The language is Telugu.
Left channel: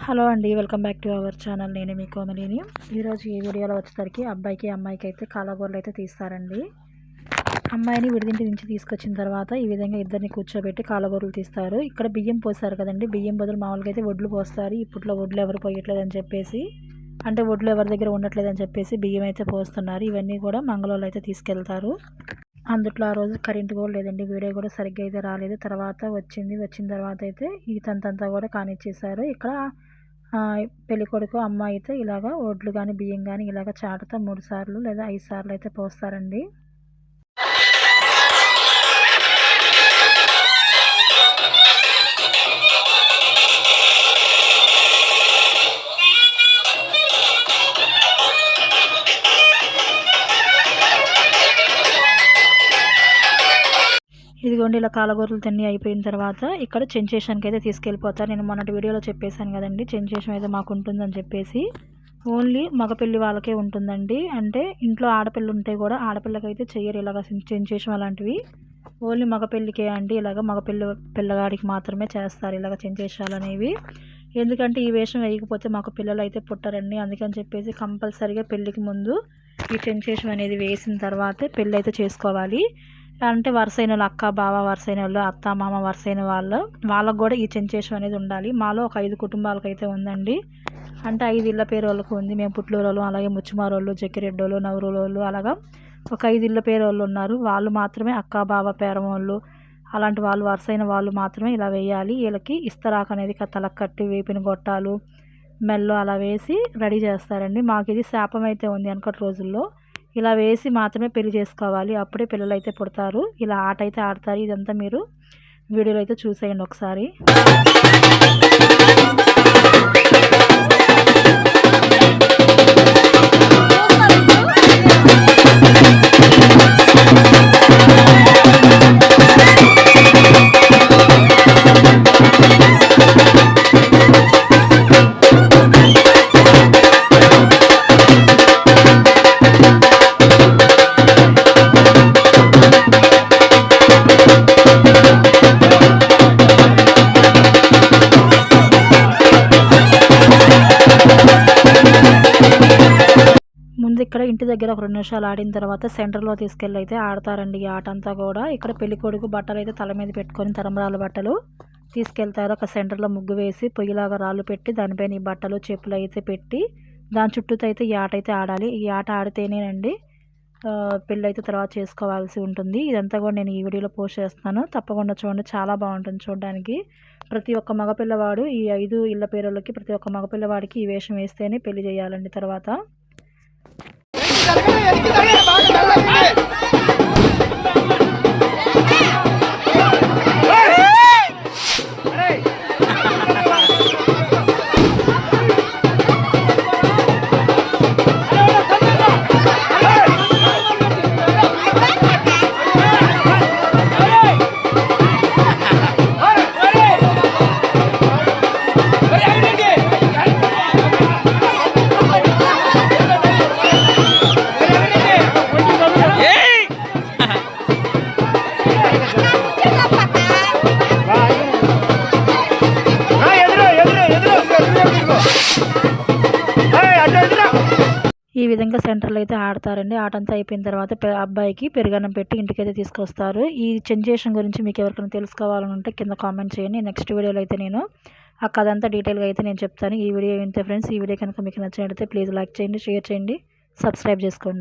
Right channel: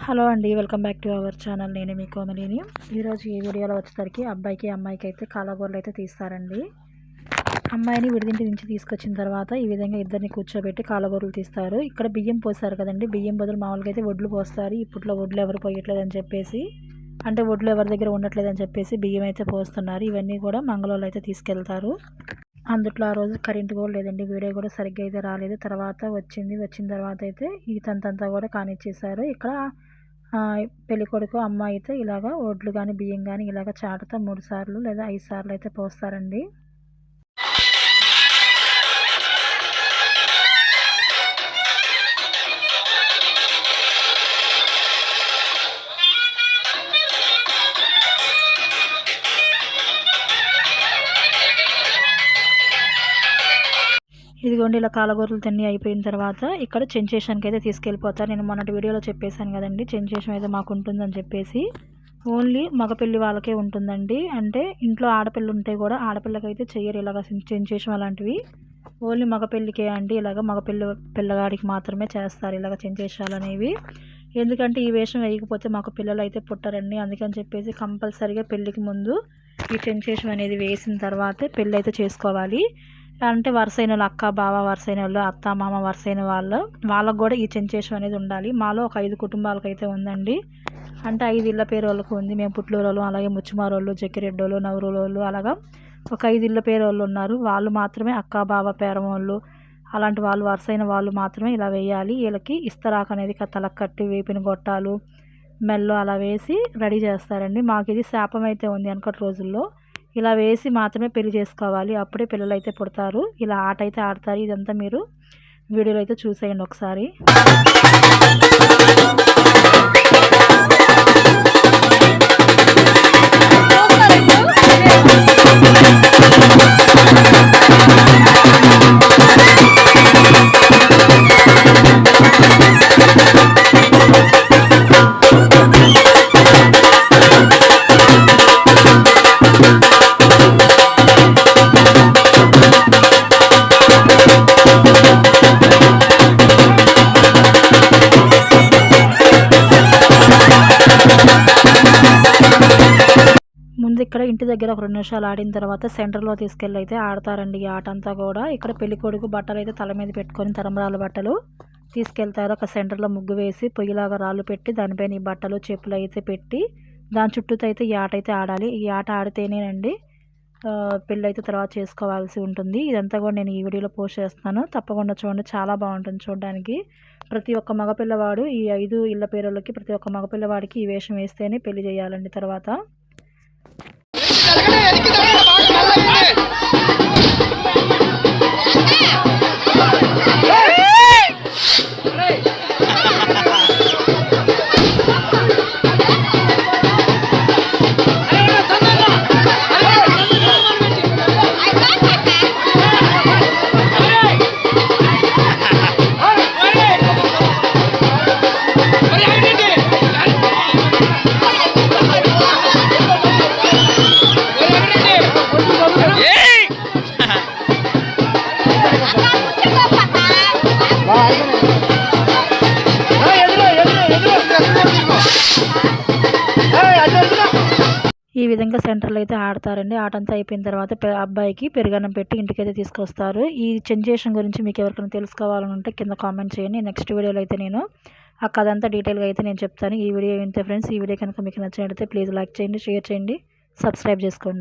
హలో అండి, welcome back to our channel. నేను మీ కోమలిని. ఈరోజు ఈ వీడియోలో వచ్చేసరికి అబ్బాయికి అమ్మాయికి అయితే కాలగూరలు అయితే తీస్తారండి. అమ్మాయిని విడిదింటి నుంచి తీసుకొచ్చిన తర్వాత ఈ విధంగా ఇద్దరిని కూర్చోబెట్టి కాలగూరలు తీస్తారు. ఇక్కడ బియ్యం పోస్తారు కదండి, బియ్యం బదులు మామూలుగా అయితే వడ్లు పోస్తారు. ఇప్పట్లో వడ్లు ఎవరు పోయట్లేదని చెప్పేసి, అంటే వడ్లు ఎవరి దగ్గర ఉండట్లేదని చెప్పేసి బియ్యం అయితే పోస్తున్నారు. ఇవన్నీ కూడా మంగళవాళ్ళు అయితే తీసుకెళ్తారు. అందుట్లో ఆ రోజు కరెంట్ కూడా లేదండి, వీడియో కూడా సరిగ్గా అయితే రాలేదు. తర్వాత వచ్చిన తర్వాత అయితే ఈ తంతంతా కూడా కానిచ్చేసారు. ఇక్కడ పెళ్ళికొడుకు అమ్మాయి అయితే ఇలాగ వడ్లు కానీ బియ్యం కానీ ఇలాగ చాటుతో 3 సార్లు లేదా 5 సార్లు అయితే పోస్తారండి. ఇదిగోండి, ఇలా కాలగూరలు తిన్ని అయిపోయిన తర్వాత ఇక్కడ చెంచేషన్కి అయితే తీసుకెళ్ళిపోతారు. నేను మొన్నటి వీడియోలో చెప్పేశాను కదండి, చెంచేషన్ అయితే మాకు ఉంటుందని చెప్పేసి. ఓన్లీ మగపిల్లి వాళ్ళకే ఉంటుందండి. అంటే ఇంట్లో ఆడపిల్ల ఉంటే కూడా ఆడపిల్లకైతే చెయ్యరు ఇలాగ చెంచేషన్ అలాంటివి. ఓన్లీ మగపిల్లికే అండి, ఇలాగ పిల్లగాడికి మాత్రమే చేస్తారు ఇలాగ చెంచేషాలు అనేవి. ఎందుకంటే ఈ వేషం వేయకపోతే మాకు పిల్లలు అయితే పుట్టరండి. అందుకని చెప్పేసి కంపల్సరీగా పెళ్ళికి ముందు ఈ చెంచేషన్ అనేది వేసిన తర్వాతే పెళ్ళి అయితే చేసుకోవాలి. అంటే వరుసైన వాళ్ళు, అక్క బావ వరుసైన వాళ్ళు, అత్త మామ వరుసైన వాళ్ళకు కూడా ఈ చెంచేషం అనేది ఉండాలి. మాలో ఒక 5 కుటుంబాలకు అయితే ఉందండి. అంటే 5 ఇళ్ళ పేరు వాళ్ళకు ఉంది. మేము పుట్లూరోళ్ళు, అలాగే ముచ్చిమారోళ్ళు, జక్కిరెడ్డోళ్ళు, నవరూలోళ్ళు, అలాగా ఒక 5 ఇళ్ళ పేరు వాళ్ళు ఉన్నారు. వాళ్ళు మాత్రమే అక్క బావ పేరం వాళ్ళు, అలాంటి వాళ్ళు వరుసైన వాళ్ళు మాత్రమే ఇలా వేయాలి. వీళ్ళకి ఇస్తరాకు అనేది తలకు కట్టి వేపిన గొట్టాలు మెల్లో అలా వేసి రెడీ చేస్తారండి. మాకు ఇది శాపం అయితే ఉంది వెనకటి రోజుల్లో. ఇలా వేసి మాత్రమే పెళ్లి చేసుకోవాలి, అప్పుడే పిల్లలు అయితే పుడతారు. ఇలా ఆట అయితే ఆడతారు. ఇదంతా మీరు వీడియోలో అయితే చూసేయండి ఒకసారి. ముందు ఇక్కడ ఇంటి దగ్గర ఒక 2 నిమిషాలు ఆడిన తర్వాత సెంటర్లో తీసుకెళ్ళి అయితే ఆడతారండి ఈ ఆట అంతా కూడా. ఇక్కడ పెళ్ళికొడుకు బట్టలు అయితే తల మీద పెట్టుకొని తలంబ్రాల బట్టలు తీసుకెళ్తారు. ఒక సెంటర్లో ముగ్గు వేసి పొయ్యిలాగా రాళ్ళు పెట్టి దానిపైన ఈ బట్టలు చెప్పులు అయితే పెట్టి దాని చుట్టూతో అయితే ఈ ఆట అయితే ఆడాలి. ఈ ఆట ఆడితేనేనండి పెళ్ళి అయితే తర్వాత చేసుకోవాల్సి ఉంటుంది. ఇదంతా కూడా నేను ఈ వీడియోలో పోస్ట్ చేస్తున్నాను, తప్పకుండా చూడండి, చాలా బాగుంటుంది చూడడానికి. ప్రతి ఒక్క మగపిల్లవాడు ఈ 5 ఇళ్ళ పేరులకి ప్రతి ఒక్క మగపిల్లవాడికి ఈ వేషం వేస్తేనే పెళ్లి చేయాలండి తర్వాత. ఈ విధంగా సెంటర్లో అయితే ఆడతారండి. ఆటంతా అయిపోయిన తర్వాత అబ్బాయికి పెరుగన్నం పెట్టి ఇంటికైతే తీసుకొస్తారు. ఈ చెంచేషన్ గురించి మీకు ఎవరికైనా తెలుసుకోవాలని ఉంటే కింద కామెంట్ చేయండి. నెక్స్ట్ వీడియోలో అయితే నేను ఆ కథ అంతా డీటెయిల్గా అయితే నేను చెప్తాను. ఈ వీడియో ఇంతే ఫ్రెండ్స్. ఈ వీడియో కనుక మీకు నచ్చినట్లయితే ప్లీజ్ లైక్ చేయండి, షేర్ చేయండి, సబ్స్క్రైబ్ చేసుకోండి.